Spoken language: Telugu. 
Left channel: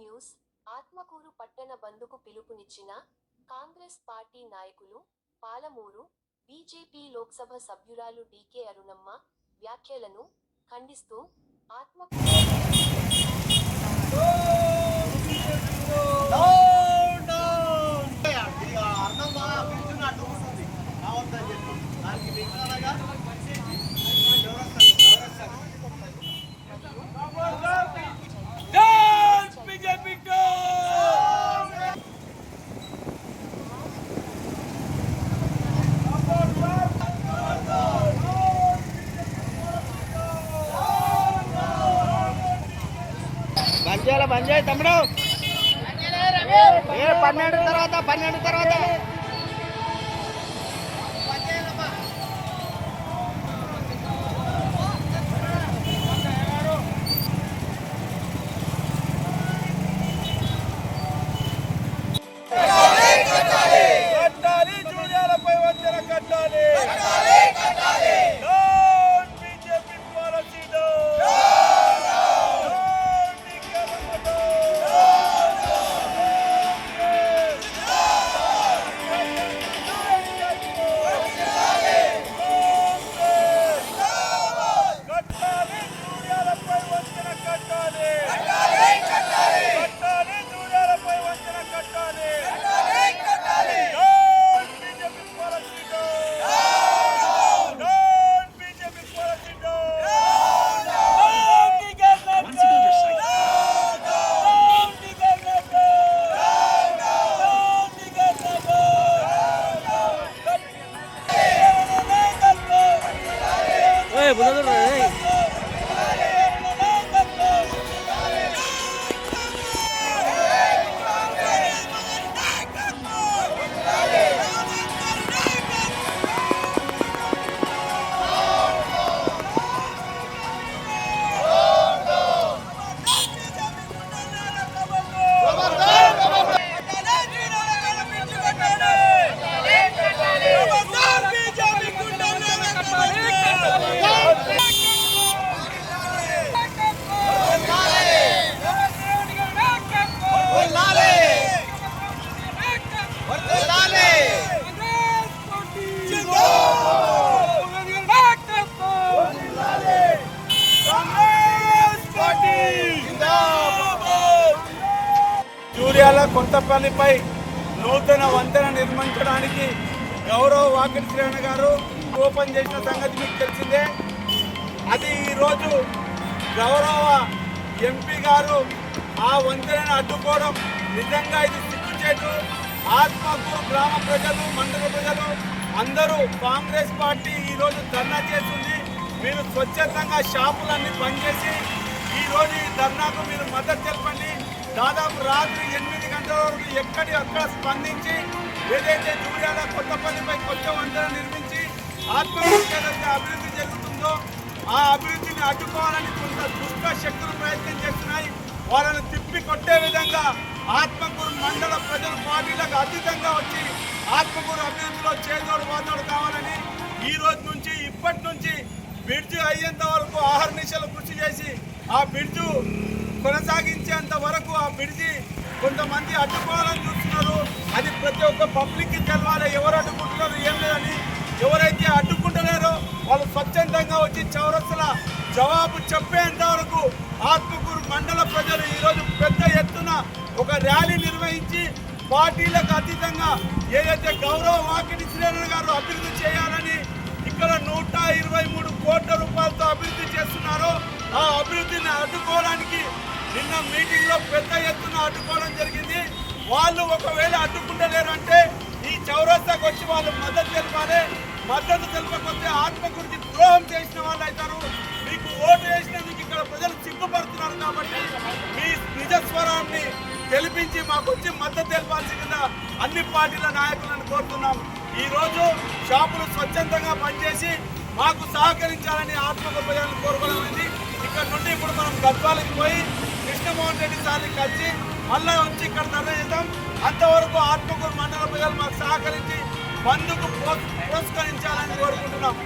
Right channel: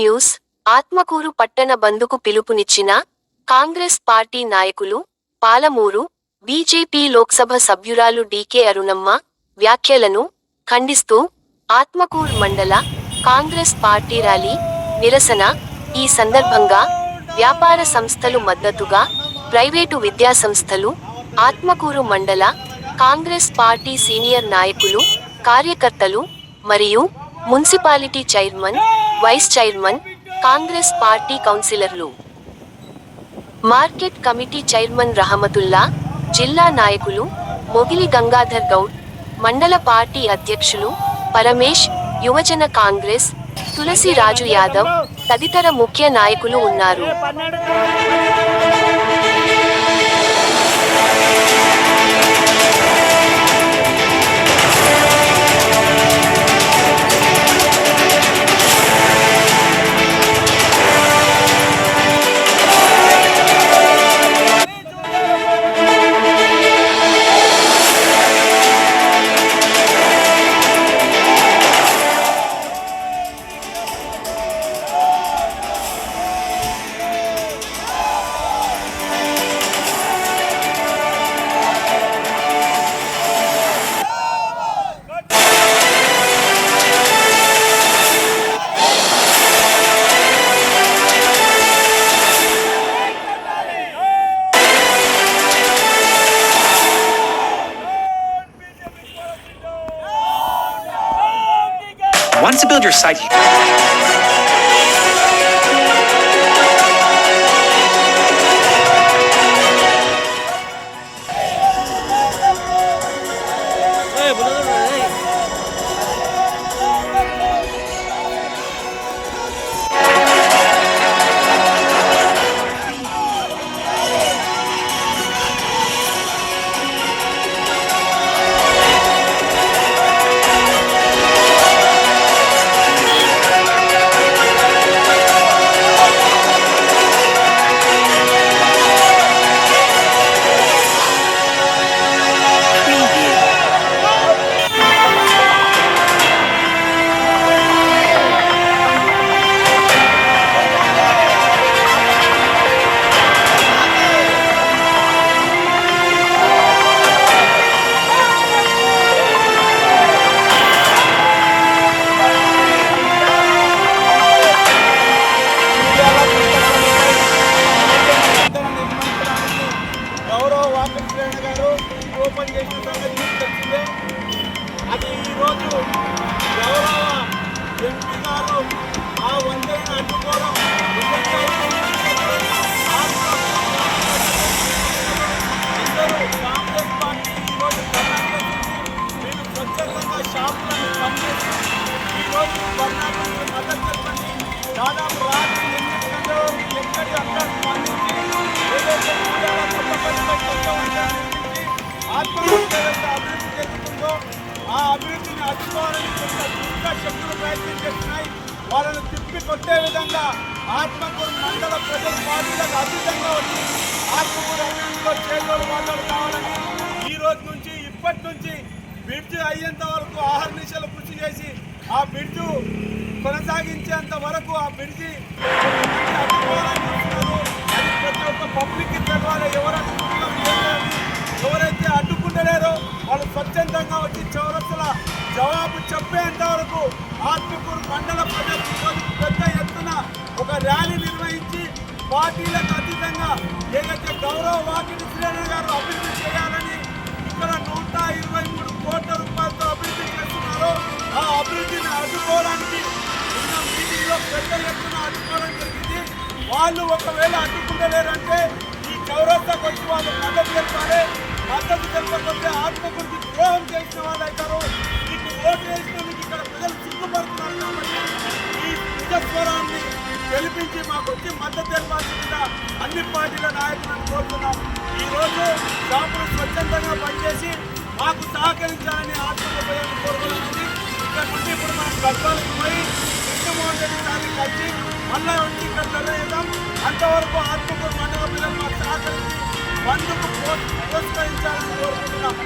న్యూస్ ఆత్మకూరు పట్టణ బంద్కు పిలుపునిచ్చిన కాంగ్రెస్ పార్టీ నాయకులు పాలమూరు బీజేపీ లోక్సభ సభ్యురాలు డీకే అరుణమ్మ వ్యాఖ్యలను ఖండిస్తూ ఆత్మకూరు మండల కాంగ్రెస్ పార్టీ ర్యాలీ నిరసన ఈ సందర్భంగా వ్యాపార సంస్థలు మద్దతుగా ప్రైవేటు విద్యాసంస్థలు ఆత్మకూరు మండల కాంగ్రెస్ పార్టీ సీనియర్ నాయకులు కార్యకర్తలు మరియు municipality chairman vice chairman Congress party కౌన్సిలర్లు మార్కెట్ కమిటీ చైర్మన్ రహమతుల్లా జిల్లా నాయకులు మొగిలి గంగాధర్ గౌడ్ మండల పార్టీ అధ్యక్షులు పరమేష్ యువజన కాంగ్రెస్ తులసి రాజు యాదవ్ తదితర ముఖ్య నాయకులు ఉన్నారు. Once to build your site. కొత్తపల్లిపై నూతన వంతెన నిర్మించడానికి గౌరవ వాకిటి శ్రేణ గారు ఓపెన్ చేసిన సంగతి మీకు తెలిసిందే. అది ఈరోజు గౌరవ ఎంపీ గారు ఆ వంతెనను అడ్డుకోవడం నిజంగా ఆత్మకూరు గ్రామ ప్రజలు మండల ప్రజలు అందరూ కాంగ్రెస్ పార్టీ ఈరోజు ధర్నా చేసింది. మీరు స్వచ్ఛందంగా షాపులన్నీ బంద్ చేసి ఈరోజు ఈ ధర్నాకు మీరు మద్దతు తెలపండి. దాదాపు రాత్రి 8 గంటల వరకు ఎక్కడి అక్కడ స్పందించి ఏదైతే కొత్తపల్లిపై కొత్త వంతెన నిర్మించి ఆత్మకూరు ఏదైతే అభివృద్ధి జరుగుతుందో ఆ అభివృద్ధిని అడ్డుకోవాలని కొంత దుష్ట శక్తులు ప్రయత్నం చేస్తున్నాయి. వాళ్ళను తిప్పి కొట్టే విధంగా ఆత్మకూరు మండల ప్రజల పార్టీలకు అతీతంగా వచ్చి ఆత్మకూరు అభివృద్ధిలో చేదోడు వాదోడు కావాలని ఈ రోజు నుంచి ఇప్పటి నుంచి బ్రిడ్జ్ అయ్యేంత వరకు ఆహర్నిశలు కృషి చేసి ఆ బ్రిడ్జు కొనసాగించేంత వరకు ఆ బ్రిడ్జి కొంతమంది అడ్డుకోవాలని చూస్తున్నారు. అది ప్రతి ఒక్క పబ్లిక్కి తెలవాలి ఎవరు అడ్డుకుంటున్నారు ఏమని. ఎవరైతే అడ్డుకుంటలేరో వాళ్ళు స్వచ్ఛందంగా వచ్చి చౌరస్తల జవాబు చెప్పేంత వరకు ఆత్మకూరు మండల ప్రజలు ఈరోజు పెద్ద ఎత్తున ఒక ర్యాలీ నిర్వహించి పార్టీలకు అతీతంగా ఏదైతే గౌరవ వాకిటి శ్రేణులు గారు అభివృద్ధి చేయాలని ఇక్కడ 123 కోట్ల రూపాయలతో అభివృద్ధి చేస్తున్నారో ఆ అభివృద్ధిని అడ్డుకోవడానికి నిన్న మీటింగ్లో పెద్ద ఎత్తున అడ్డుకోవడం జరిగింది. వాళ్ళు ఒకవేళ అడ్డుకుంటలేరంటే ఈ చౌరస్తాకు వచ్చి వాళ్ళు మద్దతు తెలపాలి. మద్దతు తెలపకపోతే ఆత్మకూరుకి ద్రోహం చేసిన వాళ్ళు అవుతారు. మీకు ఓటు వేసిన మీకు ఇక్కడ ప్రజలు సిగ్గుపడుతున్నారు కాబట్టి ఈ నిజస్వరాన్ని తెలిపించి మాకు వచ్చి మద్దతు తెలపాల్సిందిగా అన్ని పార్టీల నాయకులను కోరుతున్నాం. ఈరోజు షాపులు స్వచ్ఛందంగా పనిచేసి మాకు సహకరించాలని ఆత్మకూరు ప్రజలను కోరుకోవాలని ఇక్కడ నుండి ఇప్పుడు మనం గద్వాలకు పోయి కృష్ణమోహన్ రెడ్డి సార్ని కలిసి మళ్ళా వచ్చి ఇక్కడ నిర్ణయిద్దాం. అంతవరకు ఆత్మకూరు మండల ప్రజలు మాకు సహకరించి బంద్కు పురస్కరించాలని కోరుకుంటున్నాం.